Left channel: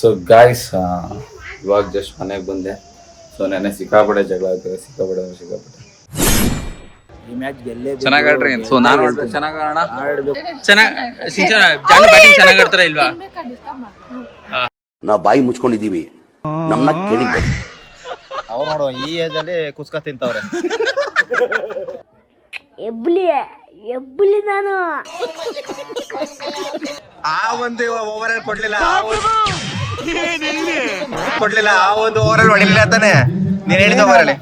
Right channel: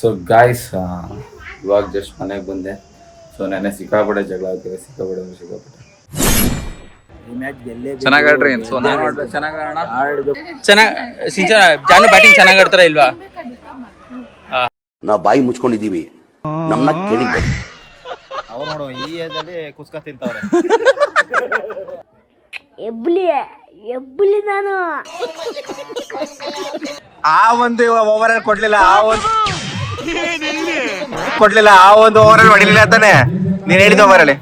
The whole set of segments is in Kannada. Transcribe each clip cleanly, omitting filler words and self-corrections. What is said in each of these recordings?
ಸೊ ಗಾಯ್ಸ್ ಇವಾಗ ಜಸ್ಟ್ ಮನೆಗೆ ಬಂದೆ. ಸೊ ನೆನ್ನೆ ಸಿಕ್ಕಾಪಟ್ಟೆ ಜಗಳ ಆಗ್ತದೆ, ಸಿಕ್ಕಾಪಟ್ಟೆ ಈ ಮ್ಯಾಚ್ ಗೆಲ್ಲೇ ಚೆನ್ನಾಗಿ ಆಡ್ರಿ. ಸೊ ನಾನು ಆಡ್ಬೇಕು, ಚೆನ್ನಾಗಿ ಆಡೋಣ, ಆಡ್ಬೇಕು. ಚೆನ್ನಾಗಿ ಜಾನು ಬ್ಯಾಟಿಂಗ್ ಚೆನ್ನಾಗಿ ಆಡ್ತಾರ ಇಲ್ವಾ? ನಾವು ಬಾಯಿ ಮುಚ್ಕೊಂಡಿದೀವಿ, ನಮ್ಮನ್ನ ಕೇಳಿದ್ದೆ. ಅವ್ರು ನೋಡು ಈ ಏಜ್ ಅಲ್ಲಿ ಕುಸ್ಕ ತಿಂತವ್ರೆ. ಎಬ್ಬಲಿ ನಾನು ಆ ಒಂದು ಓವರ್ ಅಲ್ಲಿ ಕೊಡ್ಲಿಲ್ಲ, ಆ ಒಂದು ಓವರ್ ಅಲ್ಲಿ ಹೊಡಿಲಿಲ್ಲ ಅಂತಾನೆ ನೀನ್ ಹೇಳಿದ ಓವರ್ ಅಲ್ಲಿ.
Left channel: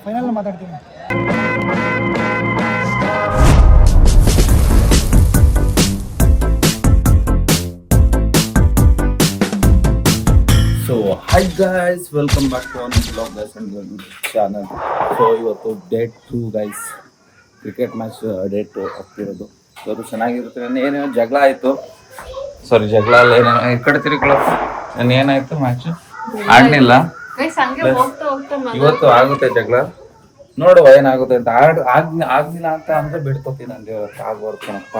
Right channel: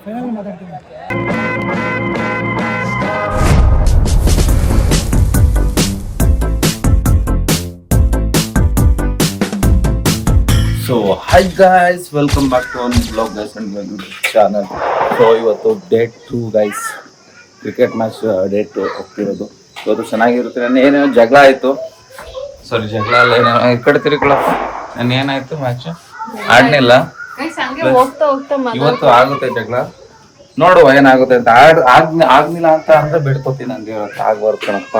So hi guys, welcome back to our blog guys and channel. So ಇವತ್ತು day 2 guys, cricket match day 2 ಹೋಗ್ತಿರೋದು. ಇವತ್ತು ಚೆನ್ನಾಗಿರುತ್ತೆ. ನಾನು ಏನೇನೋ ಜಗಳ ಆಯಿತು, ಸಾರಿ ಜಗಳ ಅಲ್ಲ, ಏನೇನೋ ಈ ಕಡೆ ತಿರುಗಳಪ್ಪ. ನಾನು ಏನಾಯಿತು, ಮ್ಯಾಚ್ ಆಡಲಿಲ್ಲ. ಇವತ್ತು ಆಗುತ್ತೆ ಜಗಳ, ನೋಡುವ ಏನಾಗುತ್ತೆ ಅಂತ. ಆಗ್ಲಿಲ್ಲ ಅಂತ ಅಂದ್ರೆ ಬಿಡ್ಕೊತೀನಿ, ನನಗೆ ಇವತ್ತು ಆಗ್ಬಾರ್ದು ಕಣಪ್ಪ.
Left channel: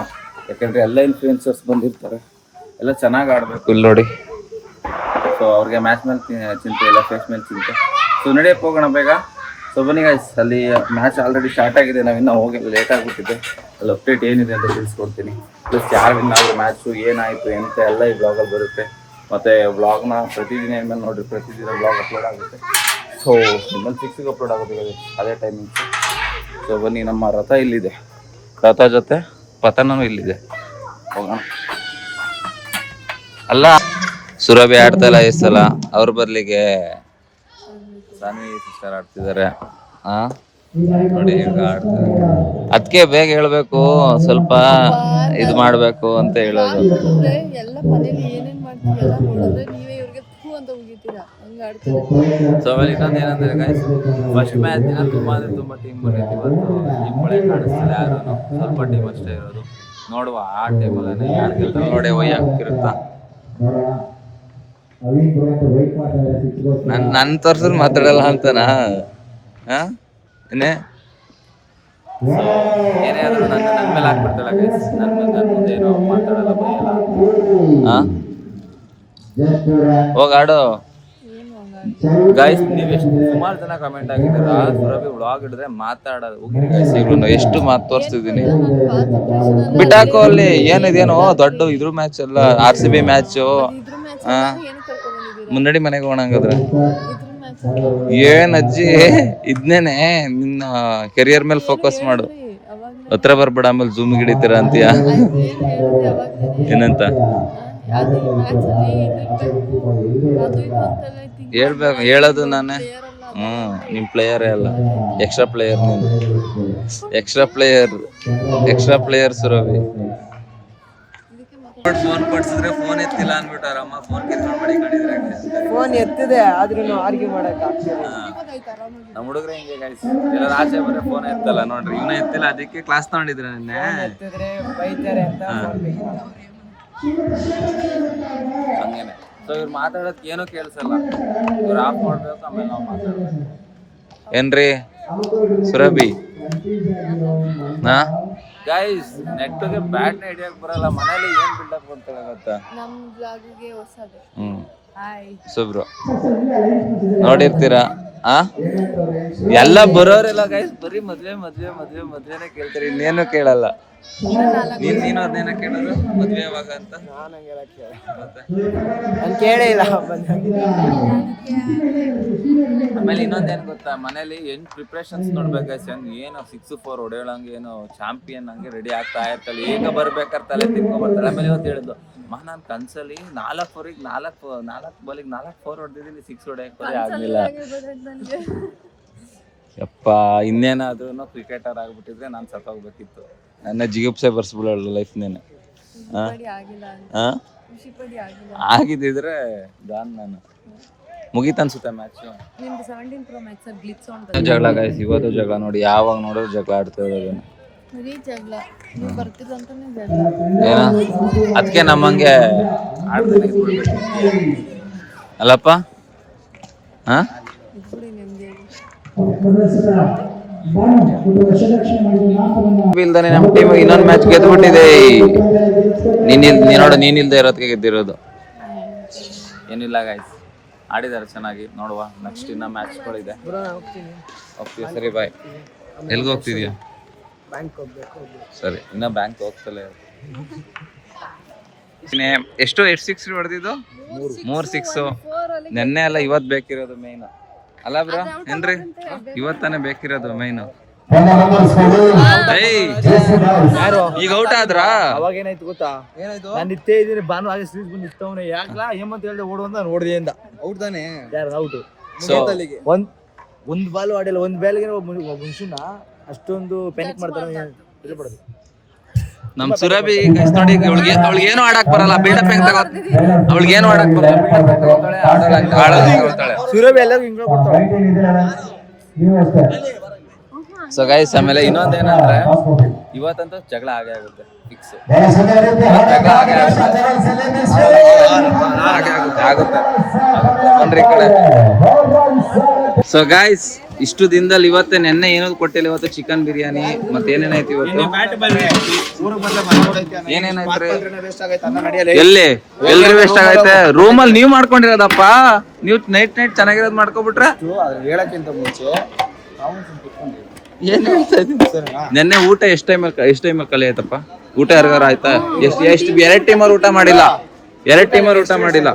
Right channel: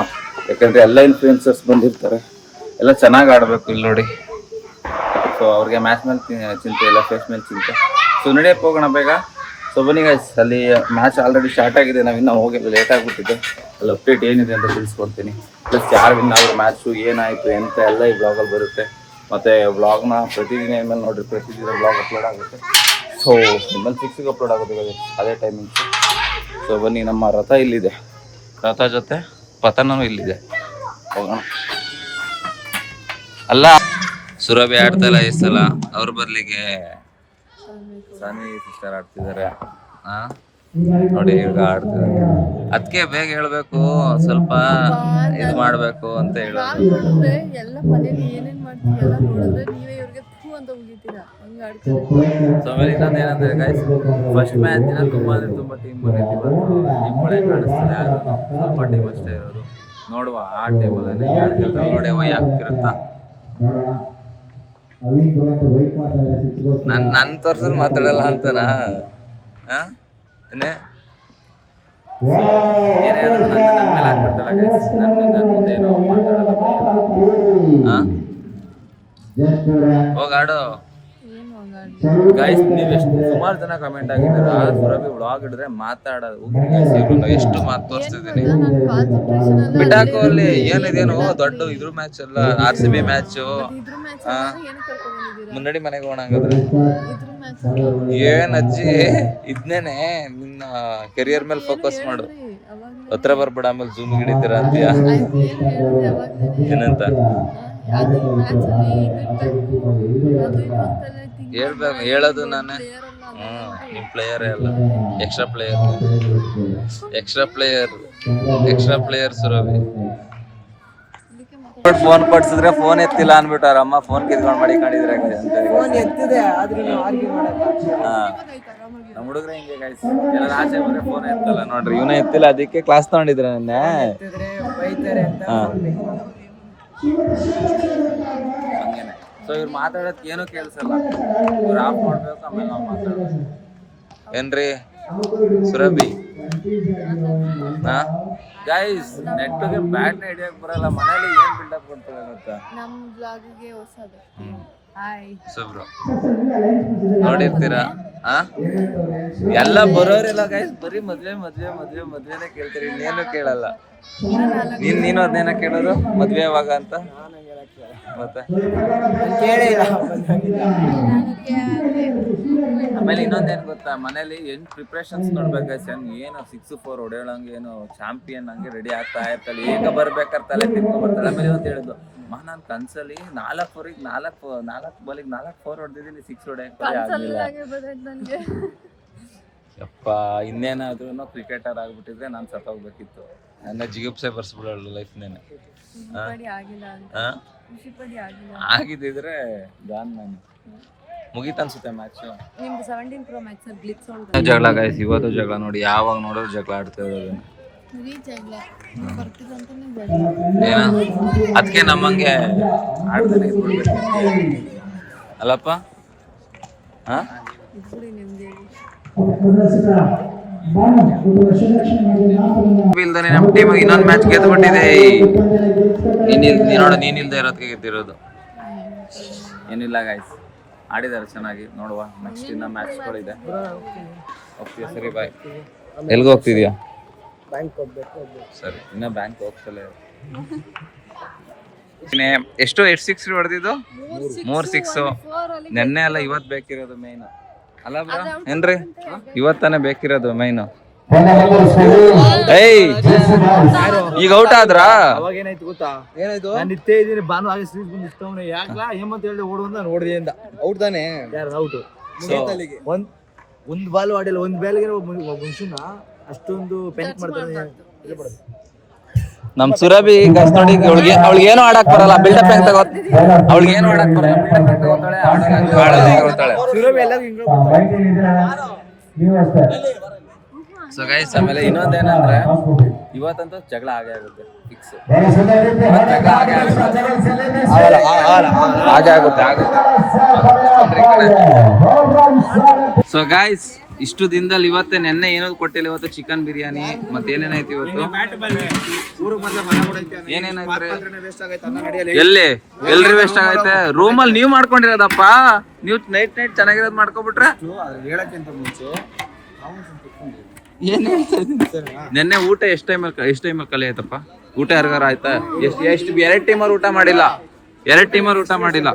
ಯಾಕಂದರೆ ಎಲ್ಲ ಇನ್ಫ್ಲೂಯೆನ್ಸರ್ಸ್ ಬಂದಿರ್ತಾರೆ, ಎಲ್ಲ ಚೆನ್ನಾಗಿ ಆಡಬೇಕು. ಇಲ್ಲಿ ನೋಡಿ, ಸೊ ಅವ್ರಿಗೆ ಮ್ಯಾಚ್ ಮೇಲೆ ಚಿಂತೆ ಇಲ್ಲ, ಫೇಸ್ ಮೇಲೆ ಚಿಂತೆ. ಸೊ ನಡೆಯಕ್ಕೆ ಹೋಗೋಣ ಬೇಗ. ಸೊ ಬನ್ನಿ ಗೈಸ್, ಅಲ್ಲಿ ಮ್ಯಾಚ್ ಆಲ್ರೆಡಿ ಸ್ಟಾರ್ಟ್ ಆಗಿದೆ, ನಾವು ಇನ್ನೂ ಹೋಗಿಲ್ಲ, ಲೇಟ್ ಆಗಿಬಿಟ್ಟಿದೆ. ಅಲ್ಲಿ ಅಪ್ಡೇಟ್ ಏನಿದೆ ಅಂತ ತಿಳಿಸ್ಕೊಡ್ತೀನಿ. ಪ್ಲಸ್ ಯಾರು ವಿನ್ ಆದ್ರೆ ಮ್ಯಾಚು ಏನಾಯಿತು ಎಂತ ಎಲ್ಲ ಈ ಬ್ಲಾಗಲ್ಲಿ ಬರುತ್ತೆ. ಮತ್ತು ಬ್ಲಾಗ್ನ ಪ್ರತಿದಿನ ಇನ್ಮೇಲೆ ನೋಡಿರಿ, ಪ್ರತಿದಿನ ಬ್ಲಾಗ್ ಅಪ್ಲೋಡ್ ಆಗುತ್ತೆ. ಸೊ ಇನ್ಮೇಲೆ 6ಗೆ ಅಪ್ಲೋಡ್ ಆಗುತ್ತೆ ಅದೇ ಟೈಮಿಂಗ್ಸ್. ಸೊ ಬನ್ನಿ, ನಮ್ಮ ರಥ ಇಲ್ಲಿದೆ, ರಥ ಜೊತೆ ಪತನೂ ಇಲ್ಲಿದೆ, ಹೋಗೋಣ. ಅಲ್ಲ ಸುರಭಿ ಆಡ್ತಲ್ಲ ಈ ಸಲ, ಅವ್ರ ಬರ್ಲಿಕ್ಕೆ ಸಾನಿ ಸಿಸ್ಟರ್ ಆಡ್ತಿದ್ದಾರೆ. ನೋಡಿ ಈಗ ಆಡ್ತಿದ್ದಾರೆ, ಅದಕ್ಕೆ ಬೇಗ ಹೇಳ್ಬೇಕು, ಸ್ವಲ್ಪ ಇದು ಮಾಡ್ಬೇಕು ಅಂತ ಹೇಳೋದು. ಎಲ್ಲ ಮನೇಲಿ ಏನೇನ್ ಮಾಡ್ತೀವಿ ಎಲ್ಲ ನೋಡಿದ್ರೆ ನೀವೇ ಇವ್ರಿಗೆ ಥೂ ಅಂತ ಹೋಗಿದ್ದೀರಾ, ಹಂಗ ಆಡ್ತಾರೆ. ಸೊ ಆಮೇಲೆ ಇನ್ನೊಂದು ಏನಂದ್ರೆ ಗೈಸ್, ಫಸ್ಟ್ ಮ್ಯಾಚ್ ದಿನ ತುಂಬಾ ಅಂದ್ರೆ ತುಂಬಾ ಟೀಮ್ ಬಂದಿತ್ತು. ಇವತ್ತು ಟೀಮ್ ಒಳ್ಳೆ ಕಾಣಿಸ್ತಿಲ್ಲ ಯಾರು, ಸ್ವಲ್ಪ ಟೀಮ್ ಅಷ್ಟೇ ಇರೋದು. ನೋಡುವ ಆ ಟೈಮಲ್ಲಿ ಯಾರು ಗೆಲ್ತಾರೆ ನೋಡಿ, ಒಯ್ಯ ಆಗ್ತಿರುತ್ತಾ. ನನ್ ತೋರ್ಸಲ್ ಮಾತಾಡಲ್ಲ ಅಂತಾನ. ಏನೇ ಆದ್ರೂ ನನ್ನ ಮೇಲೆ ಹಾಕ್ಬಿಡ್ತಾಳ ಗೈಸ್, ನನ್ನ ಮುಂದೆ ಏನೋ ಮಾತಾಡಲ್ಲ, ಬೈಯಲ್ಲ. ಹೋಗಾಡು ಗೈಸ್. ನೀವು ಎಷ್ಟು ಸುಮಾರು ಜನ ಕಮೆಂಟ್ ಆಗಿದ್ದೀರಾ, ಸುರಭಿ ವ್ಲಾಗ್ ಹಿಡಿದ್ರೆ ಮಾತಾಡೋದು ಹೋಗಿ ಎಷ್ಟು ಮಾತು ತೋರಿಸ್ತಿದ್ದೀನಿ. ಬಿಟ್ಟಾಕೋ ಅಲ್ಲಿ, ಏನಿದೇನೋ ದೊಡ್ಡ ಇದ್ರ ಮ್ಯಾಚ್ ಅಲ್ಲ, RCB ಮ್ಯಾಚು. ಮುನ್ನಡಿ ಮನೆಗೆ ಹೋಗಂಗಾದ್ರೆ ಏನ್ ಅಜ್ಜಿ, ಇದ್ನೇನೆ ನಿನ್ನ ಕೆರಿಯರ್ ಮೇಲೆ ಫೋಕಸ್ ಮಾಡು, ಹತ್ರ ಬರ್ಬೇಡ, ಆಮೇಲೆ ಜೂಮ್ ಹಿಡಿತೀರ ಅಂತೀಯ. ಏನಂತ ಹೇಳ್ಬೇಕು, ಹೇಳೋದು ನಾನೇ. ನಿಮ್ ಪ್ಲೇಯರೇ ಅಲ್ಲ, ಎಕ್ಸ್ಟ್ರಾ ಪ್ಲೇಯರ್ ಸುರಭಿ. ಫೋನ್ ಕೊಡ್ಸಿದ್ರೆ ಫೋನ್ ಎತ್ತಿಲ್ಲ ಅನ್ಬಿಟ್ಟಾರ ಅಮ್ಮ, ಫೋನ್ ಕಿತ್ಕೊಂಡ್ ಮಾಡಿ ಕಾಣಿದ್ರೆ ಫೋನ್ ಎತ್ತಿದೆ ಆದ್ರೂ ಆರ್ಗ್ಯೂ ಮಾಡಕ್. ನಮ್ಮ ಹುಡುಗ್ರೆ ಹಿಂಗೆ ಗೈಸ್, ಎಲ್ಲ ಆಚೆ ಬಂದ್ರೆ ಫೋನ್ ಎತ್ತಲ್ಲ. ನೋಡ್ರಿ ಇವನು ಎತ್ತಿಲ್ಲ, ಅದಕ್ಕೆ ಕ್ಲಾಸ್ ತಗೊಂಡಿದ್ರೆ ನೆನ್ನೆ ಬೈತಾರೆ ಅಂತ. ಹಂಗೇನೆ. ಸೊ ಇವ್ರು ಮಾತಾಡೋದ್ ಏನೂ ಕೇಳಿಸಲ್ಲ, ಇವ್ರು ಆಫ್ ಮಾಡ್ಬೇಕು, ಆಮೇಲೆ ನಾವು ಮಾತಾಡ್ಬೇಕು. ಏನ್ರಿ ಸುರಭಿ? ಗೈಸ್, ನೆಟ್ಗೆ ಬ್ಯಾಟ್ ನ ಹಿಡಿಯಕ್ ಬರಲ್ಲ, ಮನೇಲಿ ಏನ್ ಬಿಲ್ಡಪ್ ಕೊಡ್ತಾರೆ ಗೊತ್ತಾ? ನಮ್ ಬ್ಲಾಗಿಗೆ ಹೊಸದು. ಸುಬ್ರು ನೋಡಿರ್ತೀರಾ, ಎಲ್ಲ ಬರೋರೆಲ್ಲ ಗೈಸ್ ಬರೀ ಮದ್ವೆನೇ ಕೇಳ್ತಾರೆ, ಇನ್ನೇನು ಕೇಳಲ್ಲ. ನೀನು ಅದನ್ನೇನ ಕೇಳೋದು, ಮದ್ವೆ ಯಾವಾಗ ಅಂತ? ಮತ್ತೆ ಆಮೇಲೆ ಇನ್ನೊಂದೇನ್ ಗೊತ್ತಾ, ಮನೇಲಿ ಏನ್ ಪ್ರಿಪ್ರೇಷನ್ಸ್ ನೋಡ್ಬೇಕು ಗೈಸ್. ಏನು 6-4 ಹೊಡೆಯೋಳಂಗೆ, ಏನು ಚಾಂಪಿಯನ್ ಹಂಗೆ ರೆಡಿ ಆಗ್ತಾ ಇರ್ತಾಳೆ. ಈಗ ಬರ್ಬೇಕಾದ್ರೆ ತಲೆ ತಿನ್ಕೊ ಬರ್ತಾಳೆ. ಆಮೇಲೆ ಇವತ್ತು ಹೇಳಿದ್ದು, ನಾನು ಕನ್ಸಲ್ಲಿ 4 ಬಾಲಿಗೆ 4 4 ಹೊಡೆದಿದ್ದೀನಿ, 6 ಹೊಡೆಯಕ್ಕೆ ಬರೀ ಆಗ್ಲಿಲ್ಲ. ಯಪ್ಪ, ಇನ್ನೇನಾದ್ರೂ ಕ್ರಿಕೆಟರ್ ಆಗ್ಬಿಟ್ಟಿದ್ರೆ ನಾನು ಸತ್ತೋಗ್ಬೇಕಿತ್ತು. ನನ್ನ ಜಿಗುಪ್ಸೆ ಬರ್ಸ್ಬಿಡಲ್ಲ ಲೈಫ್ನೇನೆ. ಆಗಿದ್ದಿದ್ರೆ ಗಾನ್ ನಾನು ಮುಗೀತ ಅನ್ಸುತ್ತೆ ಮ್ಯಾಚು. ಜಗಳ ಗೈಸ್, ಇವತ್ತು ಜಗಳ ನೋಡಿ, ಯಾವಾಗ ನೋಡಿದ್ರು ಜಗಳ ಆಡ್ತಾ ಇರೋದು. ಏನ ಅದಕ್ಕೆ ನಮ್ಮಂಗೆ ಆಡ್ದೇನೆ ಇದ್ಬಿಡ್ಬೇಕು ಅಲ್ಲಪ್ಪ. ಇಲ್ದಾನೆ ನಮ್ಮ ಟೀಮ್ ಇನ್ನೊಂದು ಮ್ಯಾಚ್ ಗೆದ್ಬಿಟ್ಟಿದೆ. ನೀನಿಲ್ದೆ ಇರೋದಕ್ಕೆ ಗೆದ್ದಿರೋದು. ಏನಿಲ್ಲ ಗೈಸ್, ಆಡಿದ್ದಾರೆ ಚೆನ್ನಾಗಿ. ನೋಡುವ ನೆಕ್ಸ್ಟ್ ಇನ್ನ ಮ್ಯಾಚ್ಗಳಿದೆ. ಓಕೆ ಸರಿ ಬಾಯ್. ಎಲ್ಗೆ ಹೋಗ್ತಿದ್ಯಾ? ಸರಿ, ಇನ್ನ ಬ್ಯಾಂಕ್ ಹೋಗ್ತಲೇ. ಎಷ್ಟು 6 ಹೊಡೆದಿದ್ದು? 3 6. ನೆನ್ನೆ ಅಲ್ಲ ಇವತ್ತು ಬೇಕಿರೋದು ಮೈನ್ ಅಲ್ಲ ಬ್ರೋ? ಏನ್ರಿ ಇವತ್ತಾನೆ ಬೇಕಿರೋದು ಮೈನು. ಈಗ ಔಟ್ ಆದ್ರ ಅವಾಗ ಏನಾಯ್ತು ಗೊತ್ತಾ? ನಾನು ನಿಂತೇ ಇದ್ದೀನಿ, ಭಾನು ಹಾಗೆ ಸೀರೀಸ್ ಬಂದು ನಿಂತವನೆ. ಯಾಕಲಾ ಹೇಮಂತ್ ಹೇಳಿದೆ ಓಡು ಅಂತ ನೋಡಿದೆ ಅಂತ. ಔಟ್ ತಾನೆ, ಔಟ್. ಒಂದು ಬಾಲ್ ಆಡಿಲ್ಲ, ಒಂದು ಬಾಲ್ಗೆ ಮನುಷ್ಯನ ಅಷ್ಟೊಂದು ಪ್ಯಾನಿಕ್ ಮಾಡ್ತಾರೆ. ನಮ್ ಸುರಭಿ ಗಸ್ ನೋಡಿ, ಅವಳಿಗೆ ಏನು ಆಡಕ್ ಬರಲ್ಲ, ಬಿಲ್ಡಪ್ ಹೆಂಗ್ ತಗೋ, ಅವಳಿಗೆ ಏನು ಆಡಕ್ ಬರಲ್ಲ, ಬಿಲ್ಡಪ್ ಹೆಂಗ್ ತಗೋತಾಳೆ, ಆಡೋಲ್ಲ. ಸುರಭಿ ಎಲ್ಲರೂ ಹಿಂಗ ಸೊ ಗೈಸ್, ಆಮೇಲೆ ಇನ್ನೊಂದೇನಂದ್ರೆ ಇವತ್ತಂತೂ ಜಗಳ ಆಗೇ ಆಗುತ್ತೆ, ಫಿಕ್ಸ್. ಜಗಳ ಆಗುತ್ತೆ. ಸೊ ಗೈಸ್, ಇಷ್ಟು ದಿನದಲ್ಲಿ ಇವತ್ತೇ ನೆನ್ನೆ ಏನೋದು ಕೊಟ್ಟಿಲ್ಲ. ಇವತ್ತು ಚಿಕನ್ ಬಿರಿಯಾನಿ ಮತ್ತೆ ಏನೇನಾಯ್ತು ಇವತ್ತು? ಏನೇನಾಯ್ತು? ಎಲ್ರಿ ವೇಸ್ಟ್ ಆಗೈತೆ? ರೂಮಲ್ಲಿ ನೀವ್ ಮಾಡ್ಕೊಂಡಿರೋದಪ್ಪ. ನೀವು ನೈಟ್ ಚೆನ್ನಾಗಿರೋದು ಮಾಡ್ಕೊಬಿಟ್ರೆ. ಹೇಳಕ್ಕಿಂತ ಮುಂಚೆ ನೆನ್ನೆ ಊಟ ಎಷ್ಟು ಟೈಮಲ್ಲಿ ಖಾಲಿ ಆಯ್ತಪ್ಪ? ಊಟ ಯಾರಿಗಾರ ಆಯ್ತಾ? ಎಷ್ಟು 2 ಟೈಮಲ್ಲಿ ಊಟ ಮಾಡಿಲ್ಲ. 2 ಟೈಮಲ್ಲಿ ಊಟ ಮಾಡಿಲ್ಲ.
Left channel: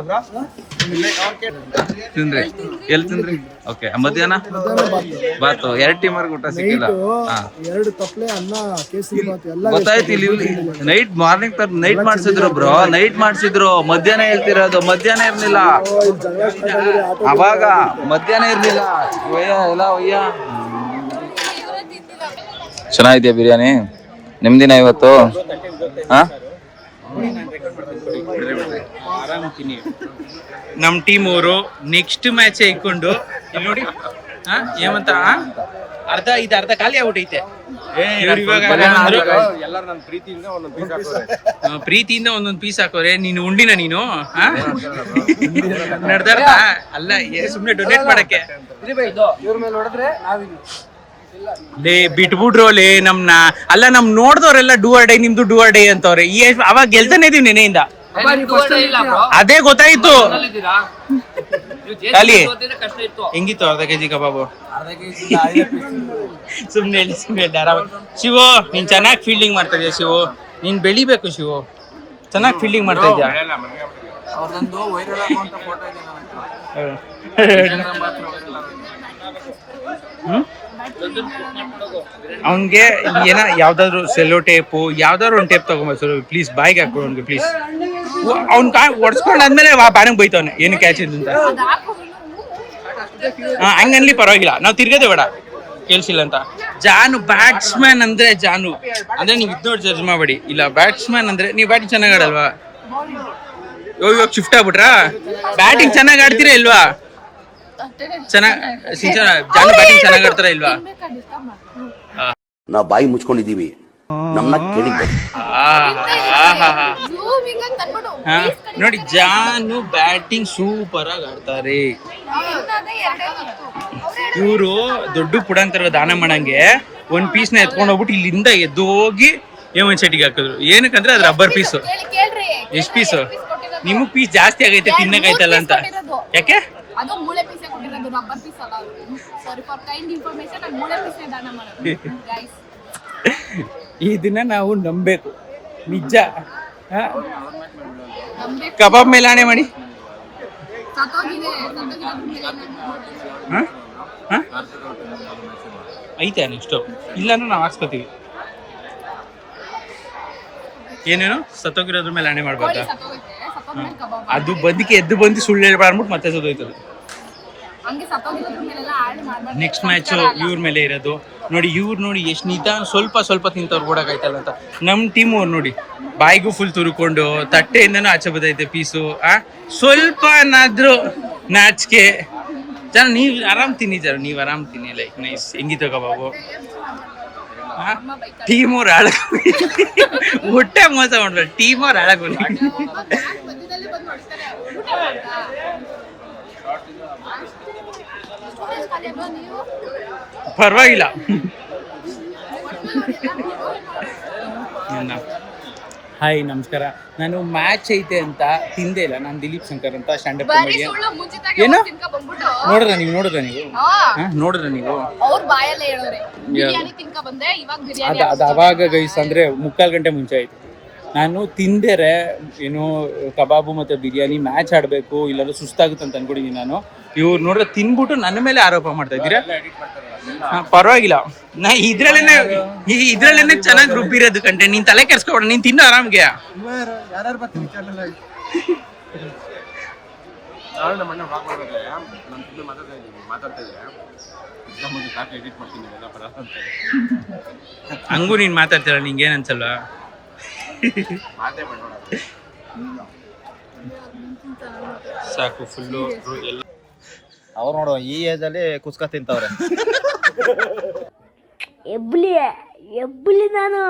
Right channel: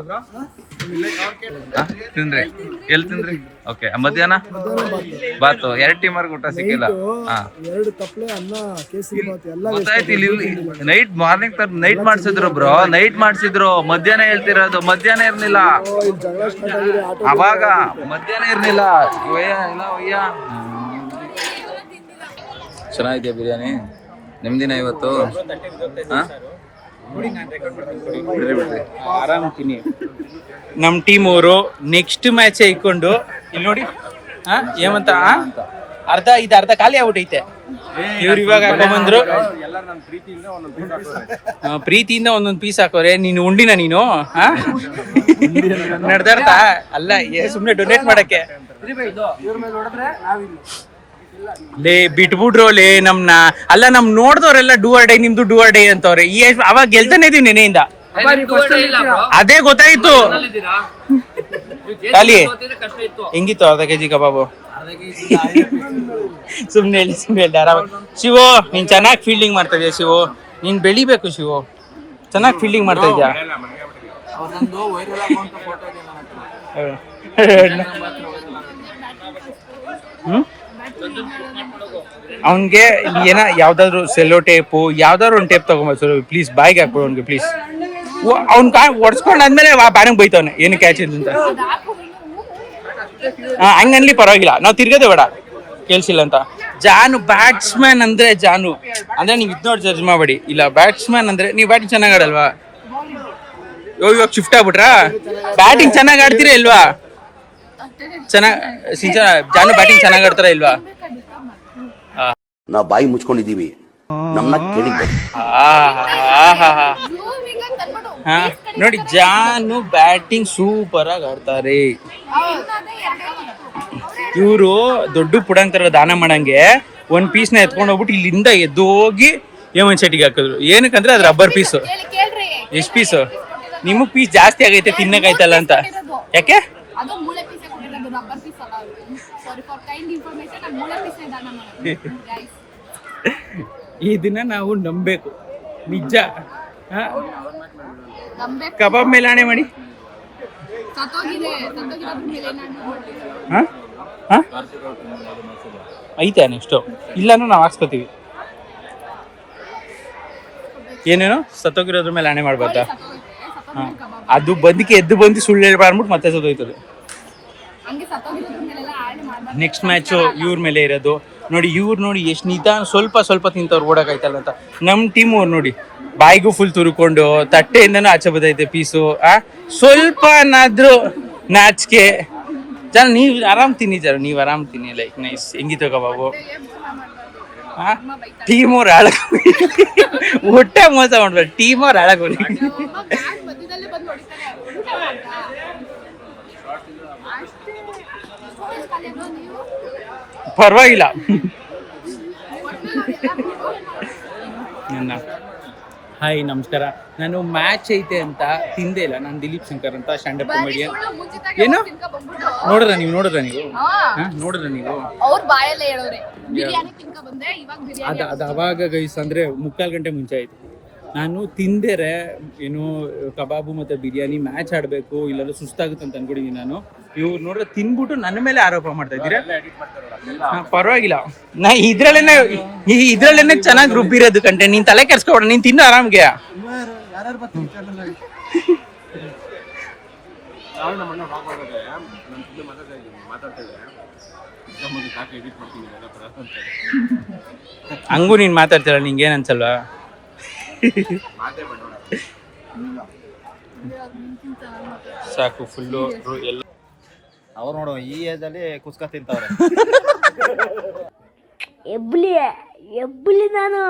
ತಿಂದ್ರಿ? ಎಲ್ಲಿ ತಿಂದ್ರಿ? ಓಕೆ, ಮಧ್ಯಾಹ್ನ ಬಾತು. 2 ಟೈಮರ್ಗೆ ಊಟ ಸಿಕ್ಕಿಲ್ಲ. ಗೊತ್ತಾಯ್ತು. ಇಲ್ಲಿ ನೈಟ್ ಮಾಡ್ಸಿದ್ರು ಬ್ರೋ, ನೈಟ್ ಮಾಡ್ಸಿದ್ರು. ಮಧ್ಯಾಹ್ನ ಹೇಳ್ತಿರೋದು, ಮಧ್ಯಾಹ್ನ ಇರ್ಲಿಲ್ಲ ಅವಾಗ, ಮಧ್ಯಾಹ್ನ ಇರ್ಲಿಲ್ಲ. ಒಯ್ಯ ಚೆನ್ನಾಗಿದ್ಯಾ ಬಿರಿಯಾನಿ? ನಿಮ್ದಿನ ಇವತ್ತು? ನಮ್ ಟೀಮ್ ಅವರು ನೆಕ್ಸ್ಟ್ ಮ್ಯಾಚ್ ಇಟ್ಕೊಂಡು ಇಲ್ಲಿ ನೋಡಿ ಏಮಂತ ಅರ್ಧ ಖಾಲಿ ಆಗ್ಬಿಟ್ಟೈತೆ. ಇವ್ರು ಇವಾಗ ಹಾಕೊಂಡ್ಬಂದ್ರು, ಪ್ರೀತಿಯಿಂದ ಒಂದೊಂದು ಪೀಸ್ ಹಾಕೋರೆ. ನೀನು ಉಂಡಿನ ನೀನು ನಡ್ದಾಡ್ತಾ ಅಲ್ಲ, ಸುಮ್ನೆ ಡೊನೇಟ್ ಮಾಡಕ್ಕೆ. ಲೇ ಬಿಟ್ಬಿಟ್ರು ಲೇ ನಮ್ನ. ಅಲ್ಲ, ನಮ್ ನೋಡ್ದವ್ರೆಲ್ಲ ಡೂ ಆರ್ ಡೈ, ನಿಮ್ದು ಡೂ ಆರ್ ಡೈ ಅಂತವ್ರೆ. ಅವಾಗ ಗೆಲ್ತಾನೆ ಇದೀವಿ ನೆನೆಯಿಂದ. ಅದೇ ಗೊತ್ತಾಯ್ತು. ಖಾಲಿ ಹೆಂಗಿತ್ತು ಅರ್ಧ ಕೆಜಿ ಕಬಾಬು? ಸುಮ್ನೆ ಹೇಳಿ, ಶಿವು ನೀನ್ ಚೆನ್ನಾಗಿ ಫೀಲ್ಡಿಂಗ್ ಮಾಡ್ತಾ ಇದೀಯ. ಶಿವು ನೀನ್ ಬೆಳಿಬೇಕು. ಶಿವು ಚೆನ್ನಾಗಿ ಫೀಲ್ಡಿಂಗ್ ಮಾಡ್ತಾ ಇದ್ಯಾ. ಅವನ್ಗೆ ಏನ ಯಾವ್ದಾದ್ರು ಸೆಲ್ಲೋ ಟೇಪು, ಯಾವ್ದಾದ್ರು ಒಂದು ಟೇಪ್ ತಗೊಂಬ ಪ್ಲೀಸ್. ಬಾಯಿಗೆ ಹಾಕ್ಬಿಡು ಅವ್ನಿಗೆ ಪ್ಲೀಸ್. ಅವ್ನ್ ಒಡ್ಸ್ಕೊಂಡಾದ್ಮೇಲೆ ಬ್ಯಾರಂಗ್ ಬೈತವನೆ ಏನು ಕ್ಯಾಚ್ ಇದೆ ಅಂತ. ಹಂಗನ್ಲಿ ಪರವಾಗಿಲ್ಲ, ನಾವು ತಿರ್ಗದೆ ಬೇಡ ಕೇಳ್ಸಿಲ್ಲ ಅಂತ. ಜಾನು ಬ್ಯಾಟ್ಸ್ಮನ್ ಅಂದ್ರೆ ಜಾನು ಅಂದ್ರೆ ನೀವು ಇದ್ ನೋಡಿ ಜಡ್ಜ್ ಮಾಡಬೇಡಿ. ಇಲ್ಲ, ಬ್ಯಾಟ್ಸ್ಮನ್ ಅಂದ್ರೆ ನೀವು ಬ್ಯಾಟಿಂಗ್ ಚೆನ್ನಾಗಿ ಆಡಲ್ವಾ? ಇವಾಗ ಶಿಫ್ಟ್ ಆಗ್ಬಿಟ್ರಾ? ಬ್ಯಾಟಿಂಗ್ ಚೆನ್ನಾಗಿ ಆಡ್ತೀರಾ ಇಲ್ವಾ? ಜಾನು ಬ್ಯಾಟಿಂಗ್ ಚೆನ್ನಾಗಿ ಆಡ್ತಾರ ಇಲ್ವಾ? ನಾವು ಬಾಯಿ ಮುಚ್ಕೊಂಡಿದೀವಿ, ನಮ್ಮನ್ನ ಕೇಳಿದ್ದೆ. ನೋಡಿ, ಜಾನು ಬ್ಯಾಟಿಂಗ್ ಸೂಪರ್ ಆಗಿ ಆಡ್ತಾರೆ. ಇವರು ದೊಡ್ಡ ಪುಡಂತರ ದಾನ ಮಾಡಂಗೆ ಒಂದ್ ಪೀಸ್ ನ ಎತ್ಕೊಂಡು ಹೋಗ್ಬಿಟ್ಟು ಇಲ್ಲಿಂದ ಎದ್ದು ಹೋಗಿ ಹೇಮಂತ್ ಶೆಟ್ಟಿಗೆ ಹಾಕಿದ್ರು. ಏನಕ್ಕಂದ್ರೆ ಅದ್ರ ರಬ್ಬರ್ ಪೀಸು. ಎಷ್ಟು ಪೀಸು? ನಿಮಗ್ ಪೀಸ್ ಜಾಸ್ತಿ ಆಗೈತೆ, ತಿನ್ನಕಾಯ್ತಲ್ಲ ಅಂತ. ಯಾಕೆ? ಇದನ್ನ ನಾವು ನಂಬೇಕು, ನಿಜ. ಕಬಾಬ್ ಮೇಲೆ ಆಣೆ ಮಾಡಿ. ಐತೆ ನೆಕ್ಸ್ಟ್, ಇಲ್ಲಾಂದ್ರೆ ನಾವು ಹಾಕ್ಸ್ಕೊತೀವಿ. ಏನೇನು ಸತ್ತೋಗಿರೋದ್ರ ಮೇಲೆ ಆಣೆ ಮಾಡ್ಬಾರ್ದಾ? ಅದು ಬದುಕಿ ಎದ್ದು ಬಂದು ಸುಳ್ಳು ಹೇಳ್ಬಾರ್ಬಿಟ್ಟು ಮತ್ತೆ ಸತ್ತೋಯ್ತದೆ. ನೆಕ್ಸ್ಟ್ ಮ್ಯಾಚು ಇವ್ರ ಮೇಲೆ ಇರೋದು ನೋಡಿ. ಇವ್ರು ನೋಡಿ ಎಷ್ಟು ನಿಧಾನ, ಸ್ವಲ್ಪ ತಿಂತವ್ರು ಓಡಕಾಯ್ತಲ್ಲ ಅಂತ. ನಮ್ಮ ಟೀಮ್ ಅವ್ರು ನೋಡಿ ಬಾಯಿಗೂ ಫುಲ್ ತುರ್ಕೊಂಡು ತಟ್ಟೆಯಿಂದನೂ ಆಚೆ ಬದೈತೆ ಪೀಸು. ಸ್ವಲ್ಪನಾದ್ರೂ ನಾಚಿಕೆ. ಜನ ನೀವು ಆರಾಮ್ ತಿನ್ನಿ, ನೀವು ಆರಾಮ್ ತಿನ್ನಿ. Like nice. ಹೆಂಗಿತ್ತು ಕಬಾಬು? ಟೀಮ್ ಅವ್ರು ಹಾಳಾಗ ಹೊಟ್ಟೆ ಮೋಸ ಮಾಡ್ಬೇಡ. ಟೀಮ್ ಅವ್ರು ಹಾಳಾಗ ಪರವಾಗಿಲ್ಲ. ಹಾಯ್ ನಮಸ್ಕಾರ. ನಾನು ಮ್ಯಾಚ್ ಐತೆ ಅಂತ ತಿಂದೇ ಇಲ್ಲ. ನಾನು ದಿಲೀಪ್ ಶಂಕರ್ ಅಂತ ಸ್ಟ್ಯಾಂಡಪ್ ಕಾಮಿಡಿಯನ್. ಏನು ನೋಡಿದ್ರ ನೀವು ನೋಡಿದ್ರ ನೀವು ಅವ್ರ ಬಾಯಲ್ಲೇ ಹೇಳೋರೆ ಬಿರಿಯಾನಿ ತಿನ್ಕ ಬಂದೆ, ಇವಾಗ ಬಿರಿಯಾನಿ ಅದು ಅವಾಗ ಗೈಸ್ ಅಂದರೆ 3/4 ಗಂಟೆ ಮುಂಚೆ ಆಯ್ತು. ನಾನು ತಿಂದೇರೆ ಏನು ಕಬಾಬು ಮತ್ತು ಬಿರಿಯಾನಿ ಮ್ಯಾಚ್ ಆಡಬೇಕು ಇಲ್ಲಾಂದ್ರೆ ಸುಸ್ತಾಗುತ್ತೆ ಅಂತ ಅನ್ಕೊಂಡಿದ್ದೀನಿ ನಾನು. ಇವ್ರು ನೋಡ್ರೆ ತಿನ್ಬಿಟ್ಟು ನನ್ನ ಮೇಲೆ ಆರೋಪ ಮಾಡ್ತಾ ಇದ್ದೀರಾ. ಪರವಾಗಿಲ್ಲ, ನಾ ಇದ್ರಲ್ಲೇನೆ ಚೆನ್ನಾಗಿ ರುಬ್ಬಿರೋದು ಕಂಟೆ. ನೀನ್ ತಲೆ ಕೆರ್ಸ್ಕೊಬೇಡ, ನೀನ್ ತಿನ್ನು ಆರಾಮ್ಗೆ. ಹಂಗೂ ನೀನ್ ಮಾತಾಡ್ತೀರ, ನಿಂಗೇನ್ ಅನ್ಸಲ್ವಾ? ಸಾಕು ಫುಲ್ಲು ಎಲ್ಲ. ಅವ್ರು ನೋಡು ಈ ಏಜ್ ಅಲ್ಲಿ ಕುಸ್ಕ ತಿಂತವ್ರೆ. ಎಬ್ಬಲಿ ನಾನು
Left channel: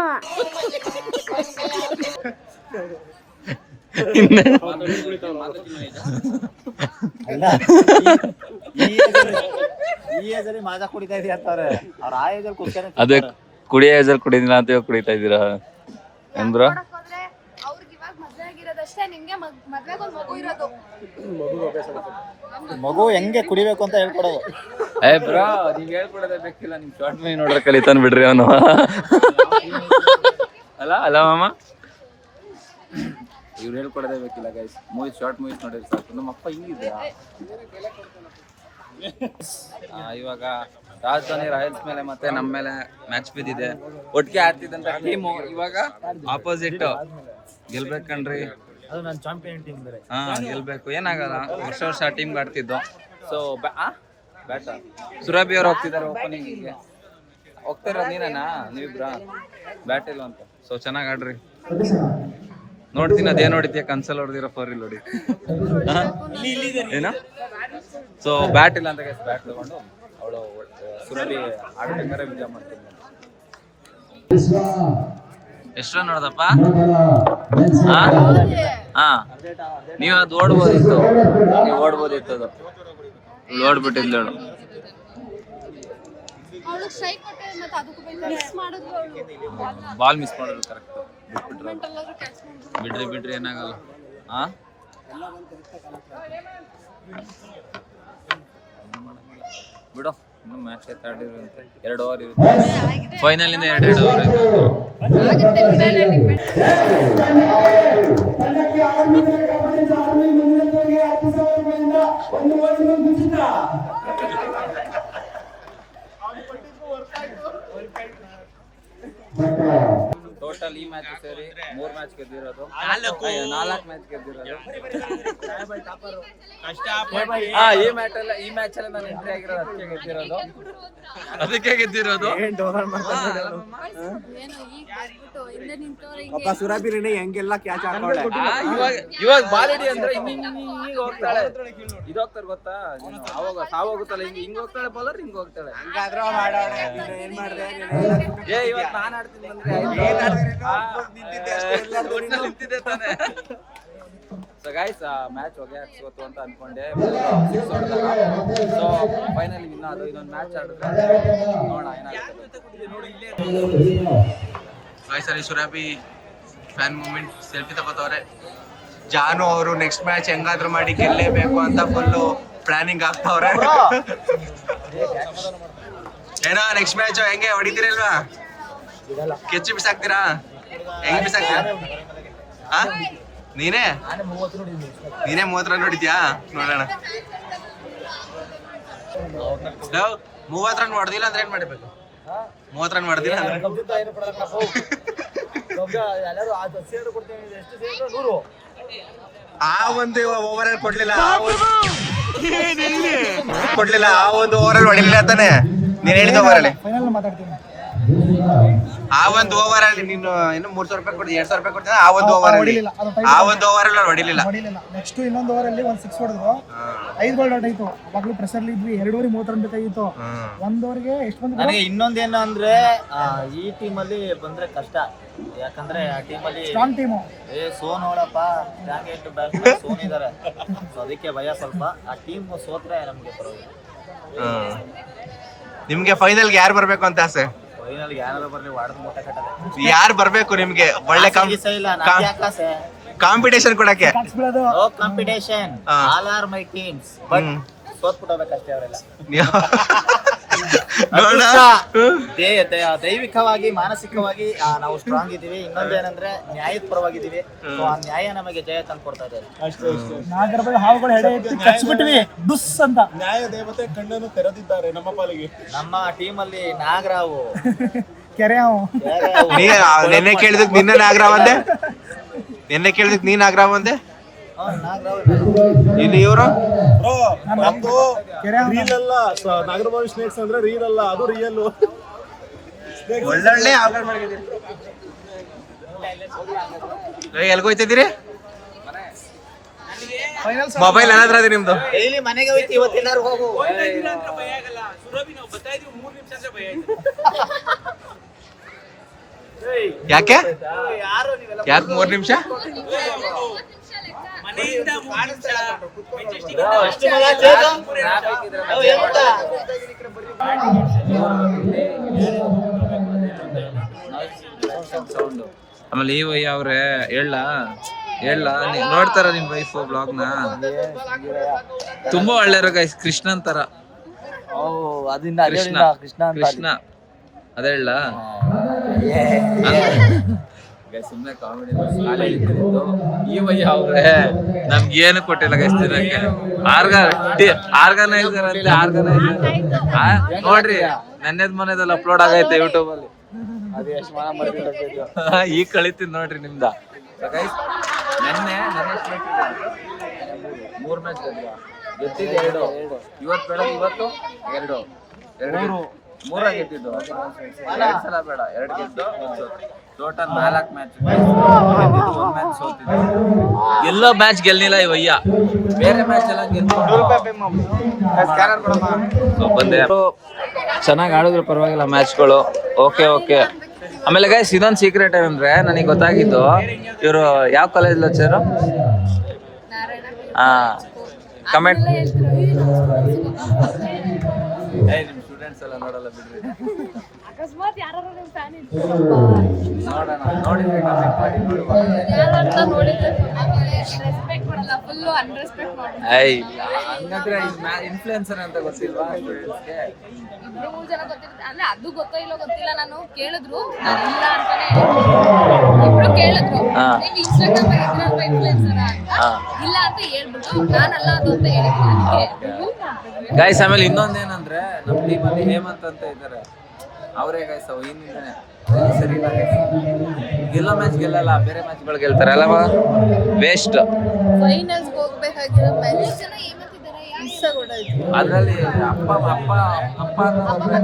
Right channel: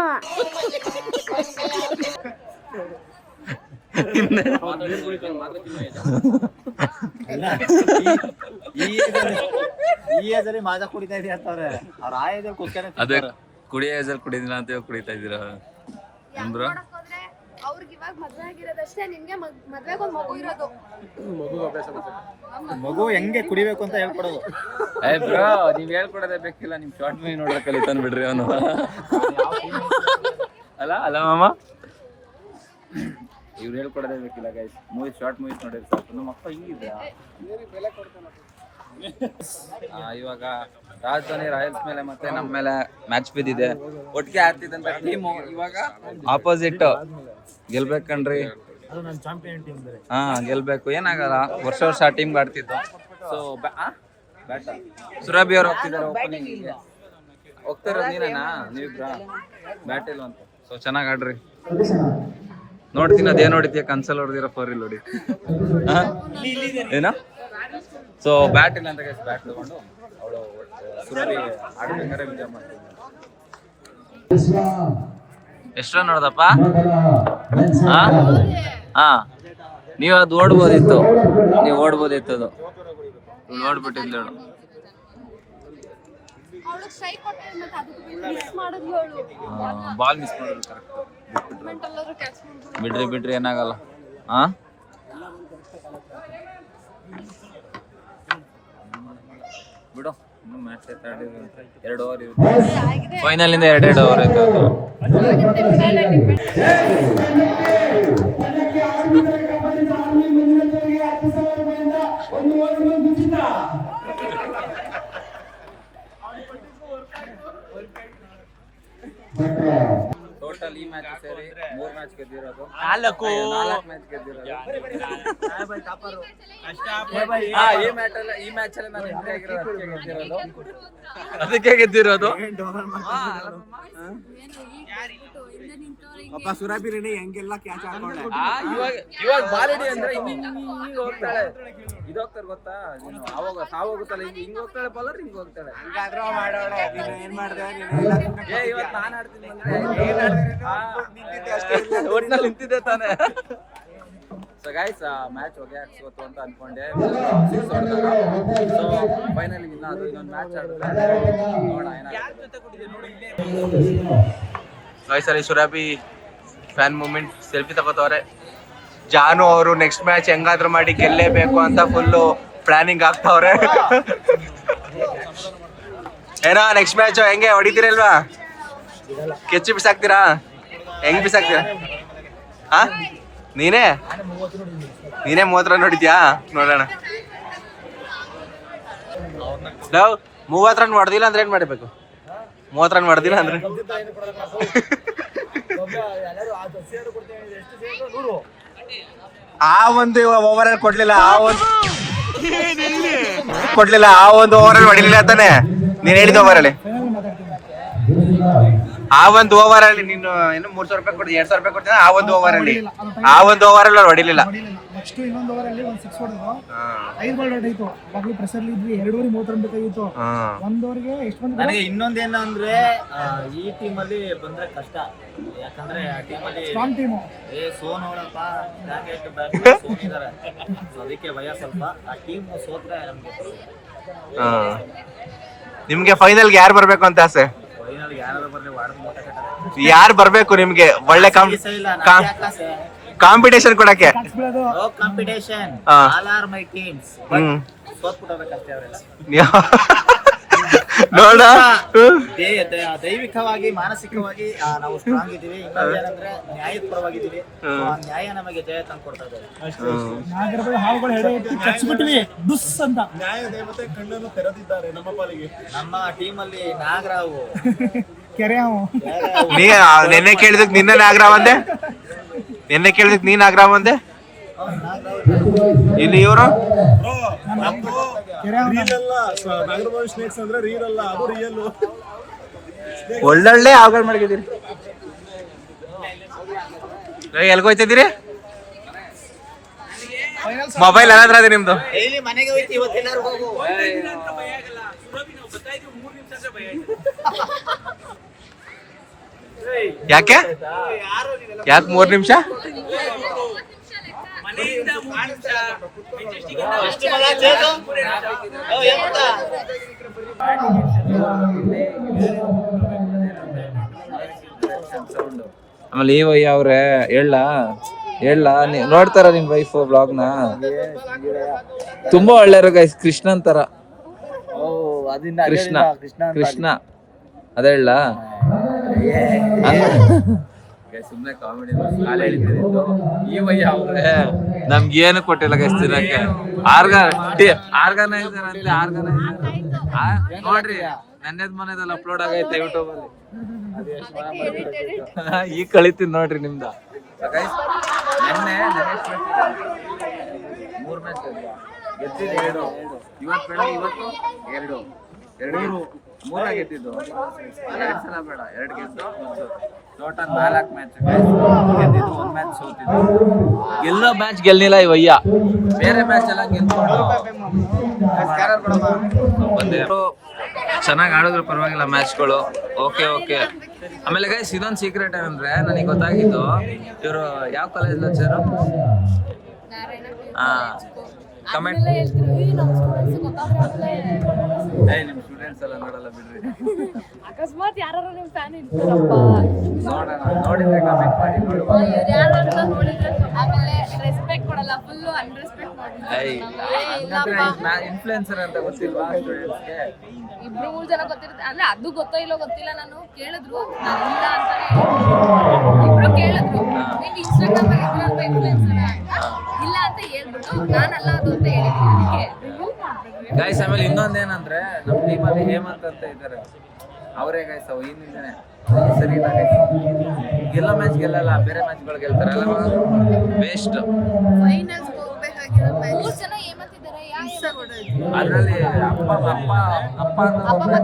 ಈ ಏಜ್ ಅಲ್ಲಿ ಮಾಜಾ ಕುಡಿತಾ ಇದೀವಿ ಅಂತವ್ರೆ. ಅವ್ರ ಆ ಏಜ್ ಅಲ್ಲಿ ಕುಸ್ಕನೆ ಅದೇ ಕುಡಿಯೋ ಏಜಲ್ಲಿ ಕುಡಿದಿಲ್ಲ ಅಂತ ಇವಾಗ ಕುಡಿತಾ ಇದ್ದೀರಾ ಅಂದ್ರ? ಅವ್ರಿಗೆ ಇವಾಗ ಮದ್ವೆ ಆಗಿರೋದಷ್ಟೇ, ನಿಮ್ಗೆ ಮದ್ವೆಗೊಂದು ಮಗು ಇರೋದು. ಮಗು ಹೆಂಗೆ ಕುಡಿಬೇಕು ಅಂತ ಹೇಳ್ಕೊಡೋದು. ಏ ಬ್ರೋ, ನೀವ್ ಹೇಳ್ಕೊಡೋದೇ ಬೇಕಿಲ್ಲ, ನಿಮ್ ಶಾರ್ಟ್ ಮೂವಿ ನೋಡ್ರೆ ಕಲಿತಾನ ಬಿಡ್ರಿ ಅವನು. ಅಲ್ಲ ಅಲ್ಲ ಮಾಮ, ಇವ್ರು ಹೇಳ್ಕೊಡೋದೇ ಬೇಕಿಲ್ಲ ಗೈಸ್. ಶಾರ್ಟ್ ಮೂವೀಸ್ ನೋಡಿದ್ರೆ ಸಾಕು. ನಮ್ಮ ಅಪ್ಪ ಹಿಂಗಿದ್ದ. ಇವಾಗ ರಾಜಧಾನಿ ರಾಯಲ್ಸ್ ಮೇಲೆ ಮತ್ತೆ ನಮ್ಮ ಮೇಲೆ ಮ್ಯಾಚ್ ಬಿದ್ದಿದೆ. ಒಟ್ಟಿಗೆ ಆಡ್ತಿದ್ದಂತ ಟೀಮು ಇವಾಗ ಆಪೋಸಿಟ್ ಗೆಲ್ಬೇಕನ್ರಿ. ಅದು ನನ್ನ ಚಾಂಪಿಯನ್ ಟೀಮ್ ಬೇರೆ. ಗೆಲ್ಬೇಕು, ಏನಾಗಲ್ಲ. ವರ್ಷ ವರ್ಷ ಆ ಟೀಮ್ಗೆ ಆಡ್ತಿದ್ದು. ಸೊ ಬ್ಯಾಟ ಸುರಭಿ ಅವ್ರು ಹೋಗ್ತಿದ್ದಾರೆ ಓಪನಿಂಗಿಗೆ. ಹೋಗ್ತಿರೋದು ನೀನೇನಾ? ನೀವಿಬ್ರ ಬ್ಯಾಟ್ ಇಲ್ಲ ಅಂತ. ಸೊ ಚೆನ್ನಾಗಿ ಆಡ್ರಿ. ನೋಡ್ತೀನಿ ಅದೇನು ಹೊಡಿತೀಯ ಕನ್ಸಲ್ ಹೊಡೆದಿರೋ 4 ಇಲ್ಲಿ ಹೊಡಿ. ಏನ? ಸೊ ಬ್ಯಾಟ್ ಇಲ್ಲ ಅಂತ ಗೈಸ್, ಬ್ಯಾಟ್ ತಗೊಂಡು ಅವಳು ಸುರಭಿ ಆಡ್ಬೇಕಾದ್ರೆ ವಿಜಯ ಮಾಡ್ತೀನಿ. ಎಷ್ಟು ರನ್ ನೋಡ್ದಪ್ಪ? ನೀವು ಅದು ಓಡ್ಬೋದಿತ್ತು, ನೀವು ಓಡ್ಬೋದಿತ್ತು. ಅದು ಇವಳು ಓಡ್ಬಿಟ್ಟಿದ್ಲು. ಹೇಳು ಬಾಲ್ ಮಿಸ್ ಮಾಡೋದು ಕರೆಕ್ಟ್. ಬಿಡ್ರಿ ಏನಾಗಲ್ಲ. ಬಿಡು, ಇನ್ನೂ ಮ್ಯಾಚ್ ಆಡಿರಂತೆ. 2 ಓವರ್ ಇರುತ್ತೆ ಫೈನಲ್ ಇಂದ. 2 ಓವರ್ ಟೋಟಲ್ ಈ ಮ್ಯಾಚ್ ಸೇರಿ 3 ಮ್ಯಾಚ್ ಗೆದ್ದಿರೋದು, 4 ಮ್ಯಾಚ್ ಗೆದ್ದಿರೋದು. ಈ ಮ್ಯಾಚ್ ಅಲ್ಲಿ ನಾನು ಎಂಟ್ರಿ ಆಗಿರೋದು, ಅದಕ್ಕೆ ಗೆದ್ದಿರೋದು. ಸುರಭಿನೇ ಹೆಂಗೆಲ್ಲ ಕ್ಯಾಚ್ ಹಾಕೊಳ್ಳೆ. ಇವಾಗ ಬಾಲಡಿ ಅಂದ್ರೆ ಹಿಂಗ ಹೋಗ್ತಾಳೆ. ಇದು ಹೋಗ್ತಾರೆ ಗೊತ್ತಾ? ಅವಾಗ ಸಾವಾಗುತ್ತಲ್ಲ, ಹಿಂಗ್ ಹೋಗ್ತಾಳೆ ಬಾಲರ್, ಹಿಂಗ್ ಹೋಗ್ತಾಳೆ. ಏನ್ ಮಾಡ್ದೆ? ಇವತ್ತು ನಾನು ಆಡ್ತೀನಿ ಬಂದ್ರೆ ನಿಂತಿದ್ದೆ ತಾನೆ. ಸೊ ಗೈಸ್, ಮ್ಯಾಚ್ ಹೊಗೆ ಹಾಕ್ಸೋತು ಅಂತ ಅನ್ಕೊಂಡೆ. 6 ಹೊಡೆದಾಗ. ಸೊ ಫೈನಲಿ ವಿನ್ ಅದು. ಇನ್ನೊಂದು ಮ್ಯಾಚ್ ಆಡಿದ್ರೆ ನೋಡೋಣ ಏನಾಗುತ್ತೆ. ಗೈಸ್ ಅಲ್ಲಿ ಸುರಭಿ ಫ್ಯಾನ್ ಮೂಮೆಂಟ್ ಸೆಲ್ಫಿ ತಗೋತವ್ರೆ. ಜಾನು ಅವರು ನೆಕ್ಸ್ಟ್ ಮ್ಯಾಚ್ ಹೆಂಗಾದ್ರೂ ಮಾಡಿ ಗೆಲ್ಲೇಬೇಕು ಅಂತ ಫುಲ್ಲು ಪ್ಲಾನಿಂಗ್ ಆಗ್ತಾವ್ರೆ. ಏನೋ ನೆಕ್ಸ್ಟ್ ಮ್ಯಾಚ್ ಹೆಂಗೆ ಹೊಡಿತೀರಲ್ವಾ? ಕೆಚ್ಚು ಬಿಸಾಕ್ತೀರಾ? ಹೆಂಗ್ ಬಿಸಾಕ್ತೀರಾ? ನೀನೇ 30 ರನ್ ನೋಡಿದ್ಯಾ? ನೋಡೋಣ. 30 ರನ್ ಹೊಡೆದಿಲ್ಲ ಅಂದ್ರೆ ಏನ್ ಮಾಡ್ಬೇಕು? 30 ರನ್ ಹೊಡೆದಿಲ್ಲ ಅಂದ್ರೆ ಆ ಒಂದು ಓವರ್ ಅಲ್ಲಿ ಕೊಡ್ಲಿಲ್ಲ, ಆ ಒಂದು ಓವರ್ ಅಲ್ಲಿ ಹೊಡಿಲಿಲ್ಲ ಅಂತಾನೆ ನೀನ್ ಹೇಳಿದ ಓವರ್ ಅಲ್ಲಿ. ಆ ಒಂದು ಓವರ್ ಅಲ್ಲಿ ನೀನು ಏನು 300 ರೂಪಾಯಿ ಕೊಡ್ತೀನಿ, 200 ರೂಪಾಯಿ ಕೊಡ್ತೀನಿ. ಆ ಒಂದು ಓವರ್ ಅಲ್ಲಿ ಹೊಡಿಲಿಲ್ಲ. ನೆಕ್ಸ್ಟ್ ಇನ್ನೊಂದು ಓವರ್ ಅಲ್ಲಿ 1 6 ಹೊಡೆದ್ರು, 5 ಬಾಲ್ ಔಟ್ ಆಯ್ತು. ಅವಾಗ್ಲೂ ಪ್ರೆಷರ್ ಇದ್ವಿ. 2 ಓವರ್ 30 ರನ್ ಬೇಕಾಗಿತ್ತು. 1 ಓವರ್ಗೆ ಎಷ್ಟು ಬಂದ್ರೆ ನನಗೆ ಇನ್ನೊಂದೇನು ಅಂದ್ರೆ ಈ ಟೀಮ್ ಅಲ್ಲಿ ಬಂದ್ರೆ ಕಷ್ಟ. ಯಾಕಂದ್ರೆ ಆ ಟೀಮ್ ಅಲ್ಲಿ ಸ್ಟ್ರಾಂಗ್ ಟೀಮು. ಸೋನ್ ನೋಡಪ್ಪ, ಸೋನ್ ಇದಾರೆ. ಅದಕ್ಕೆ ಭಯ ಸ್ವಲ್ಪ. ಆ ಟೀಮ್ ಸೋತ್ರೆ ನಮ್ಗೆ ನಿಮ್ಗೆ ಫೈನಲ್ಗೆ ಯಾರು ಬರ್ಬೇಕು ಅಂತ ಆಸೆ? ಫೈನಲ್ ಯಾರು ಬರ್ಲಿ, ವಾಡದ ಮೂಟ ಕಟ್ಟದೆ. ಯಾರು ಬರ್ಬೇಕು ನಿಮ್ಗೆ ಒಳ್ಳೆ ಕಾಂಪಿಟೇಷನ್ ಕೊಡಕ್ಕೆ? ಹಾಕ್ಸ್ಬಿಡೋದು. ಕಾಂಪಿಟೇಷನ್ ಹಾ. ಆಲ್ ಆರ್ ಮೈ ಟೀಮ್ಸ್ ಸೋತ್ಬಿಟ್ಟೋದಕ್ಕಷ್ಟೇ ಅವರೆಲ್ಲ. ನೋಡ ದೈವಿಕವಾಗಿ ಮಾನಸಿಕವಾಗಿ ನಾವು ಸ್ಟ್ರಾಂಗ್ ಇದೀವಿ. ಇನ್ನೊಂದು ಏನಂದ್ರೆ ನ್ಯಾಯದ ಪರವಾಗಿದ್ದೀವಿ. So, ಆ ನ್ಯಾಯ ನಮಗೆ ಜಯ ತಂದು ಕೊಡ್ತಾ ಇದೆ. ನಾಗರಬಾವಿ ಹಾವುಗಳು ಹೆಡೆ ಎತ್ತಿ ಕಚ್ಬಿಟ್ಟಿವಿ ಡುಸ್ ಅಂತ. ನಮ್ಮ ಟೀಮ್ ಅಲ್ಲಿ ನಾಗರಾವು ಕೆರೆ ಹಾವು. ನಿನ್ನೆ ಕೇಳಿದಕ್ ನಿನ್ನ ನಾಗರಾವ್ ಅಂದೆ, ನಿನ್ನೆ ಕೇಳಿದಕ್ ನೀನ್ ನಾಗರಾವ್ ಅಂದೆ. ಇಲ್ಲಿ ಇವರು ಕೆರೆ ಹಾವು. ಒಳ್ಳೊಳ್ಳೆ ಆರ್ಡರ್ ಮಾಡಿದ್ದೀರಿ. ಎಲ್ಗೋಯ್ತಿದ್ದೀರಿ? ಮೊಬೈಲ್ ಏನಾದ್ರ ಅದೇ ನಿಮ್ದು? ಡೈಲಿ ಮನೆಗೆ ಹೋಯ್ತು, ಇವತ್ತೆಲ್ಲರೂ ಹೋಗು. ಯಾಕೆ 3 ನಿಮಿಷ? ಆಮೇಲೆ ಈ ವಯ್ಯ ಅವ್ರೆ ಹೇಳ ನೋಡ್ತಾರ ನಿಮ್ ವೈಫ್ ಬ್ಲಾಗ್ ನ? ತುಂಬಾ ಒಳ್ಳೆಯವರು ಗೈಸ್, ಕೃಷ್ಣನ್ ತರ. ಕೃಷ್ಣ ಅದೇ ಹೇಳ ಸುಮ್ನೆ ಕಾಮಿಡಿ ಕಾಲ ಹೇಳಿದ್ದು. ಈ ವಯ್ಯ ಅವ್ರೆ ನಮ್ಗೇನು ಕೊಟ್ಟಿಲ್ಲ ಗೈಸ್ ದಿನಕ್ಕೆ. ಆರ್ಗನೈಸರ್ ಅಂತ ಆರ್ಗನೈಸರ್ ನೋಡ್ರಿ, ನನ್ನೆದ್ ಮನೆದಲ್ಲಿ ಅಪ್ಲೋಡ್ ಆಗೈತೆ ಯೂಟ್ಯೂಬ್ ಅಲ್ಲಿ. ಈಗ ಕಳಿತೀನಿ ನೋಡ್ರಿ ನಿಮ್ದ. ನೆನ್ನೆ 3 ಮ್ಯಾಚ್ ಗೆದ್ದಿದ್ದು 2. ಇವತ್ತು ಬೆಳಗ್ಗೆ 2 3 ಗೆದ್ದಿದ್ದು. 2 ಸಲ ಬೇಡ 2 ಗೆದ್ದು 1 ಸೋತು. ಟೋಟಲ್ 4 ಮ್ಯಾಚ್ ಗೆದ್ದಿದ್ದು, 1 ಮ್ಯಾಚ್ ಸೋತಿದ್ದು. ಎಲ್ಲೋ ಮ್ಯಾಚ್ ಗೆಲ್ಲಿಲ್ಲ ಈ ವಯ್ಯ, ಬೇರೆ ಮ್ಯಾಚ್ ಎಲ್ಲ ಗೆಲ್ಕೊಂಡು ಬಂದೆ. ಚೆನ್ನಾಗಿ ಆಡಿದ್ರು ಪರವಾಗಿಲ್ಲ ಮ್ಯಾಚ್ಗಳು. ಓಕೆ. ಆಮೇಲೆ ಗೈಸ್ ಇದೊಂದು ಸೀಕ್ರೆಟ್ ಏನಂದ್ರೆ ನನಗೆ ಗೊತ್ತಾಗಿದ್ದು, ಇವರು ಯಾವ ಕಾಲೇಜ್ ಲಚ್ಚರು? ಕಮೆಂಟ್ ನಿಮ್ ಸ್ಟೂಡೆಂಟ್ಸ್ ಎಲ್ಲ ನೋಡಲ್ಲ ಬಿಡ್ರಿ, ಅಕಸ್ಮಾತ್ ಯಾರು ನಿಮ್ ಫ್ಯಾನ್ ನೋಡೋಣ. ನೋಡಿದ್ರೆ ಕಮೆಂಟ್ ಮಾಡಿ ನೋಡುವ. ರೆಸ್ಪೆಕ್ಟ್ ಮಾಡಲ್ಲ, ಫುಲ್ ಅನ್ರೆಸ್ಪೆಕ್ಟ್ ಮಾಡಲ್ಲ. ಇಲ್ಲ ಹಂಗಂದ್ರೆ ಇನ್ಫ್ಲುಯೆನ್ಸರ್ ಅಂತ ಗೊತ್ತಿಲ್ವಾ ಸ್ಟೂಡೆಂಟ್ಸ್ಗೆ? 2 ಜನ ಗೊತ್ತಿರುತ್ತೆ ಅಂದ್ರೆ ಅದು ಗೊತ್ತೋ ಇಲ್ಲೋ ಗೊತ್ತಿಲ್ಲ. ನಾನು ಕೇಳಿದ್ರು, ನಾನು ಇಲ್ಲ ಅಂತಾನೆ ಇಬ್ರು ಕೇಳಿದ್ರು, ನೀವು ಇನ್ಸ್ಟಾಗ್ರಾಮ್ ಅಲ್ಲಿ ಇದ್ರಲ್ವಾ ಇನ್ಫ್ಲುಯೆನ್ಸರ್ ಅಂತ. ಇಲ್ಲ ಅಂತ ಹೇಳ್ಬಿಟ್ಟು ನಾನಲ್ಲ ಅದು ಅಂತ ಹೇಳಿದ್ರು. ಗೈಸ್ ಆಮೇಲೆ ಇನ್ನೊಂದೇನಂದ್ರೆ ನಮ್ಮ ಟೀಮಲ್ಲಿ ಹೇಮಂತ್ ಅಂತ ಇದ್ದಾರೆ, ಅವರೇ ಗೈಸ್ ಹಿಂದಿಂದನೇ ಸರಿ ಇಲ್ಲ ಗೈಸ್. ಗೆಲ್ಲೋ ಮ್ಯಾಚ್ ಗೆಲ್ಲಲ್ಲ, ಬೇರೆ ಮ್ಯಾಚ್ಗಳು ಗೆಲ್ತಾರೆ ಅಲ್ಲ, ವೇಸ್ಟ್. ಫೈನಲ್ಸ್ ಹೋಗ್ಬೇಕಾಗಿರೋ 3 ಜನ ಏಮಂತಿದ್ದಾರೆ, ಅದ್ರಲ್ಲಿ ಅಪ್ಪ ಅನ್ನೋರೊಬ್ರೆ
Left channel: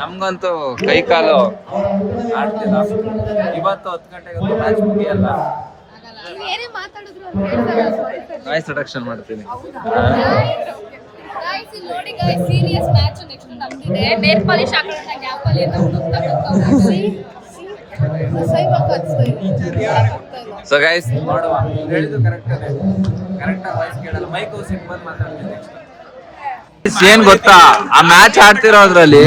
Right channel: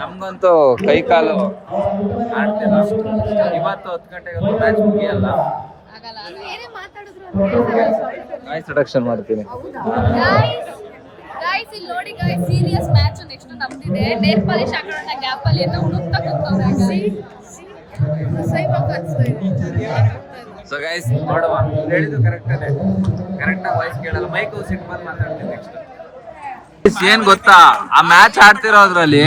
ನಮ್ಗಂತೂ ಕೈ ಕಾಲು ಆಡ್ತಿಲ್ಲ. ಇವತ್ತು 10 ಗಂಟೆಗೆ ಮ್ಯಾಚ್ ಮುಗಿಯಲ್ಲ. ಏನೇ ಮಾತಾಡಿದ್ರು ಇಂಟ್ರೊಡಕ್ಷನ್ ಮಾಡ್ತೀನಿ. ಗೈಸ್ ಇಲ್ಲಿ ನೋಡಿ ಗೈಸ್, ಸೀರಿಯಸ್ ಮ್ಯಾಚ್ ನೆಕ್ಸ್ಟ್ ನಮ್ದಿದೆ. ನೇಲ್ ಪಾಲಿಶ್ ಹಾಕೊಳ್ಳೋಣ ಗ್ಯಾಪ್ ಅಲ್ಲಿ ಅಂತ ಹುಡುಕ್ತಾ ಕೂತವ್ರೆ. ಸೊ ಗೈಸ್ ನೋಡುವ, ಹೇಳಿದ್ದು ಕರೆಕ್ಟಾಗಿ ವಾಯ್ಸ್ ಕೇಳಲ್ಲ, ಮೈಕ್ ಸಿಟ್ ಬಂದು ಮಾತಾಡ್ತೀನಿ ನೆಕ್ಸ್ಟ್. ಏನ್ ಗೊತ್ತಾ, ಆ ಮ್ಯಾಚ್ ಆಡ್ತಿರೋದ್ರಲ್ಲಿ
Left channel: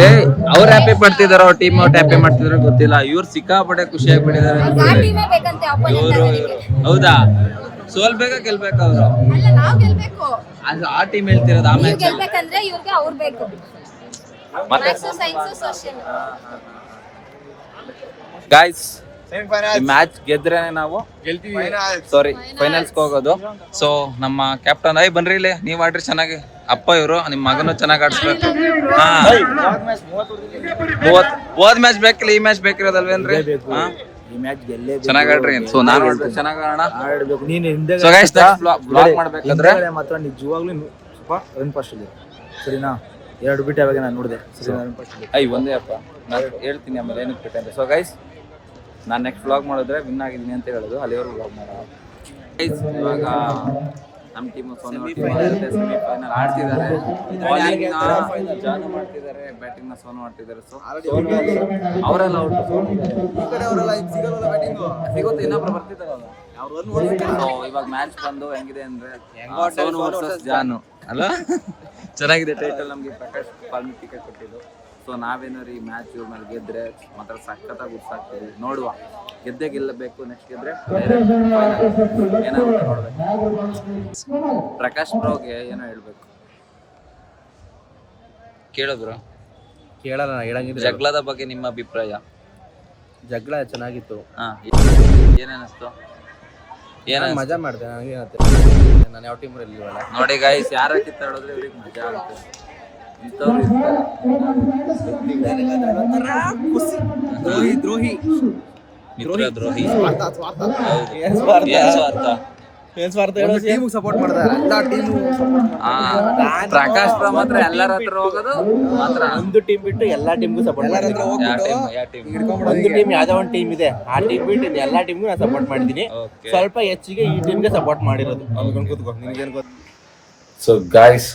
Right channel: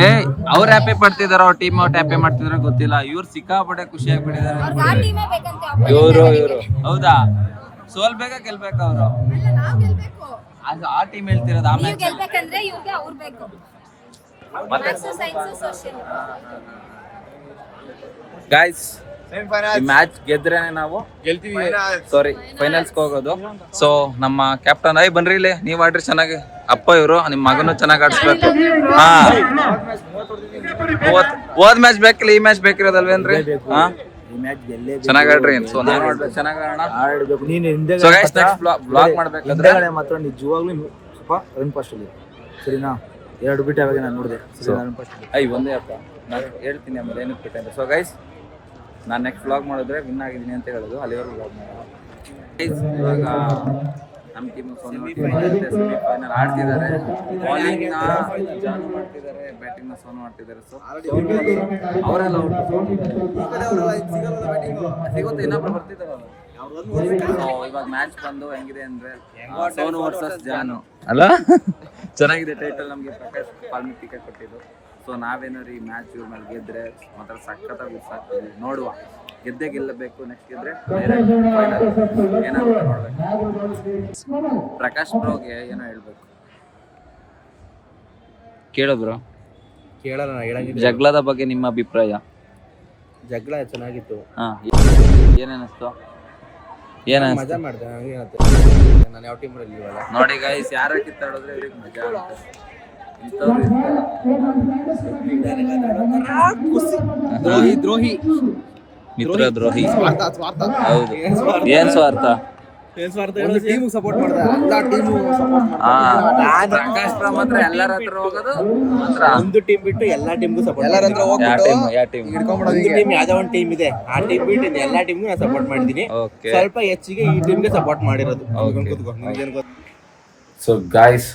ಅವ್ರು ಹ್ಯಾಪಿ ಪಡ್ತಿದಾರೋ ಟೀಮ್ ಔಟ್ ಹ್ಯಾಪಿ ಮಾಡ್ತಿದಾರೋ ಗೊತ್ತಿಲ್ಲ. ಇವ್ರು ಸಿಕ್ಕಾಪಟ್ಟೆ ಖುಷಿ ಆಗ್ಬಿಟ್ಟಿದ್ದಾರೆ. ಹೌದಾ, ಸೋಲ್ಬೇಕಾ ಗೆಲ್ಬೇಕಾ ಅವರು? ಅದು ಆ ಟೀಮ್ ಹೇಳ್ತಿರೋದು. ಆ ಮ್ಯಾಚ್ ಗೆಲ್ಬೇಕಂದ್ರೆ ಇವ್ರಿಗೆ ಅವ್ರು ಬೇಕು. ಮತ್ತೆ ಗೈಸ್ ಈ ಮ್ಯಾಚ್ ಗೆದ್ರೆ ನಾವು ಫೈನಲ್ಸ್ಗೆ ಹೋಗೋದು. ಸೊ ನಮ್ಮ ಕ್ಯಾಪ್ಟನ್ ಬನ್ರಿ ಇಲ್ಲಿ, ನೀವ್ ಆಡ್ರಿ ಚೆನ್ನಾಗಿ. ಅಪ್ಪ ಇವರು ನಿಮ್ ಮಗನು ಚೆನ್ನಾಗಿ ಆಡಿಸ್ಬೇಕು. ಹೋದ್ ಮ್ಯಾಚ್ ಬೇಕಿಲ್ಲ, ಈ ಮ್ಯಾಚ್ ಬೇಕಿರೋದಲ್ವೇನ್ರಿ? ಚೆನ್ನಾಗಿ ಆಡ್ರಿ. ಸೊ ನಾನು ಆಡ್ಬೇಕು, ಚೆನ್ನಾಗಿ ಆಡ್ಬೇಕು. ನೀನು ಹಿಂದೆ ಬ್ಲಾಗ್ ಮಾಡ್ಬೇಕಾದ್ರೆ ಮಾತ್ರ ನಿಜವಾಗ್ಲೂ ಸ್ವಲ್ಪ ರನ್ ಫಾಸ್ಟ್ ಅಲ್ಲಿ, ಸರಿನಾ? 2 ಬಿಟ್ಟು ಯಾವಾಗ ನಾನು ನೋಡಿದೆ. ಒಂದೇ ಅಪ್ಪ ನಾನು ಹೇಳ್ತೀನಿ ಆಮೇಲೆ ಏನಕ್ಕೆ ಬಿಟ್ಟಂದ್ರೆ. ಸೊ ಗೈಸ್ ನಾನು ನೆಕ್ಸ್ಟ್ ವ್ಲಾಗ್ ಮಾಡಿದ್ರೆ ವಿನ್ ಆಗಿದ್ದೀನಿ ಅಂತ ಹೇಳೋದು, ಅಲ್ಲಿವರೆಗೂ ವ್ಲಾಗ್ ಮಾಡೋದು. ಇವಾಗ ನಮ್ಮ ಟೀಮು ಸೆಮಿಫೈನಲ್ ಆಡ್ತಿದ್ದಾರೆ. ಬಾಲಿಂಗ್ನ ಜಾನು ಮಾಡ್ತಿದ್ದಾರೆ, ಬ್ಯಾಟಿಂಗ್ನ ಸೋನು ಮಾಡ್ತಿದ್ದಾರೆ. ಸೊ ಅವರೆಲ್ಲ ಸಿಗುತ್ತೆ, ಇನ್ನೊಬ್ರು ಬರ್ತಿದ್ದಾರಲ್ಲ. ಸೊ ಇವಾಗ ಮ್ಯಾಚ್ ಬಂದು ಹೆಂಗಿದೆ ಅಂದ್ರೆ ಸೋನು ವರ್ಸಸ್ ಜಾನು ಅಲ್ಲ. ಚೆನ್ನಾಗಿದೆ ಟೈಟಲ್. ನಮಗೆ ಪ್ರಕಾಶ್ ಪಾಲ್ಮಿ ಟಿಕೆಟ್ ಕೊಟ್ಟಿದ್ದು. ಸೊ ನಾವೇನಾದ್ರು ಈ ಮ್ಯಾಚ್ ಇವ್ರ ಮೇಲೆ ಗೆದ್ರೆ ಮಾತ್ರ ಸಖತ್ತಾಗಿ ಉತ್ಸಾಗ್ತೀವಿ. ನೋಡುವ, ಗೆದ್ದೇ ಗೆಲ್ಲಬೇಕು. ನೆಕ್ಸ್ಟ್ ಗೆದ್ರೆ ಡೈರೆಕ್ಟ್ ಫೈನಲ್ ಏನಾಗುತ್ತೆ ನೋಡ್ಬೇಕು. ಪ್ರಕಾಶ್ ಬ್ರೋಗೆ ಏನೋ ಹೇಳ್ಬೇಕು, ಕೇಳು ಬ್ರೋ. ಕೇಳಲ್ಲ, ಹೇಳಂಗಿದ್ರೆ ಜಗಳದ ಬಗ್ಗೆ ನಿಮ್ಮ ಅಭಿಪ್ರಾಯ? ಜಗಳ ಚೆನ್ನಾಗಿತ್ತು. ಏನೇನಿಸ್ತು? ಮಜಾ ಮಾಡ್ದೆ. ನಾನು ಯಾವ ಟೀಮ್ ಇಲ್ವಲ್ಲ. ನೋಡಿ ಗೈಸ್, ಯಾರ ಕಿತ್ತಾಡಿದ್ರೆ ಇವ್ರಿಗೆ ಮಜಾ ಆಗುತ್ತೆ. ಇಂಥವ್ರು ಇರ್ತಾರೆ. ದ್ರೋಹಿ ಮಿತ್ರ ದ್ರೋಹಿ. ಏನ್ ಸ್ವಾರ್ಥ? ಒಂದು ಟೀಮ್ ಸಪೋರ್ಟ್ ಮಾಡ್ತಾರೆ, ಎಲ್ಲಾ ಟೀಮು ಪ್ರಕಾಶ್ ಬ್ರೋ ಮಾತ್ರ ಎಲ್ಲರ ಹತ್ರ ಹೋಗೋದು ಮಾತ್ರ. ಒಂದು ಟೀಮ್ ಬಿಟ್ಟು ಎಲ್ಲಾ ಟೀಮ್ಗೂ ಸಪೋರ್ಟ್. ಎಲ್ಲರ ಹತ್ರ ಹೋಗ್ಬಿಟ್ಟು ಒಂದು ಟೀಮ್ ಯಾವ್ದೋ ಒಂದು ಟೀಮ್ ಇದೆ, ಆ ಟೀಮ್ ಬಿಟ್ಟು ಇನ್ನು ಎಲ್ಲಾ ಟೀಮ್ಗೂ ನಾನು ಸಪೋರ್ಟ್ ಮಾಡಿದ್ದೀನಿ. ಸ್ವಲ್ಪ ಹೆಚ್ಚಿಗೆ ಈ ಟೀಮ್ಗೆ ಸಪೋರ್ಟ್ ಮಾಡಿರೋದು. ಕೂತ್ಕೋ, ನಿನ್ಗೇನು ಗೊತ್ತು? ಸೊ ಗಾಯ್ಸ್,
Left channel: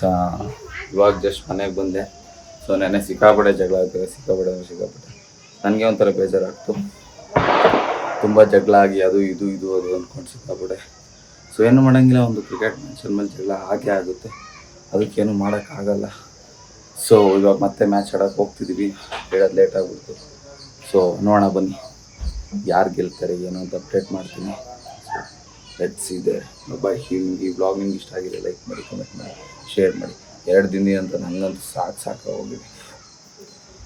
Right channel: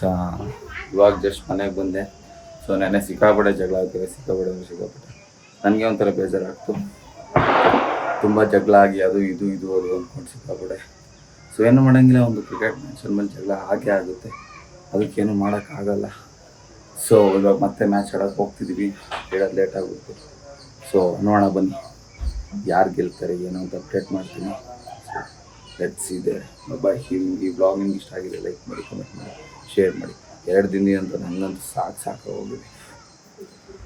ಇವಾಗ ಜಸ್ಟ್ ಮನೆಗೆ ಬಂದೆ. ಸೊ ನೆನ್ನೆ ಸಿಕ್ಕಾಪಟ್ಟೆ ಜಗಳ ಆಗ್ತದೆ, ಸಿಕ್ಕಾಪಟ್ಟೆ ನನಗೆ ಒಂಥರ ಬೇಜಾರಾಗ್ತು. ತುಂಬ ಜಗಳ ಆಗಿ ಅದು ಅಂದ್ಕೊಂಡು ಸಿಕ್ಕಾಪಟ್ಟೆ. ಸೊ ಏನು ಮಾಡೋಂಗಿಲ್ಲ, ಒಂದು ಕ್ರಿಕೆಟ್ ಮ್ಯಾಚ್ ಅಂದಮೇಲೆ ಜಗಳ ಹಾಗೆ ಆಗುತ್ತೆ, ಅದಕ್ಕೇನು ಮಾಡೋಕ್ಕಾಗಲ್ಲ. ಸೊ ಇವಾಗ ಮತ್ತೆ ಮ್ಯಾಚ್ ಆಡೋಕ್ಕೆ ಹೋಗ್ತಿದ್ದೀವಿ, ಹೇಳೋದು ಲೇಟ್ ಆಗ್ಬಿಡ್ತು. ಸೊ ನೋಡೋಣ ಬನ್ನಿ ಯಾರು ಗೆಲ್ತಾರೆ ಏನು ಅಂತ ಅಪ್ಡೇಟ್ ಮಾಡ್ತೀನಿ. ಸೊ ಲೆಟ್ಸ್ ಇದೆ ಬಾಯ್. ಈ ವ್ಲಾಗ್ ನಿಮ್ಗೆ ಇಷ್ಟ ಆಗಿದೆ ಲೈಕ್ ಮಾಡಿ, ಕಮೆಂಟ್ ಮಾಡಿ, ಶೇರ್ ಮಾಡಿ. 2 ದಿನ ಅಂತ ನನಗಂತೂ ಸಾಕಾಗೋಗಿದೆ.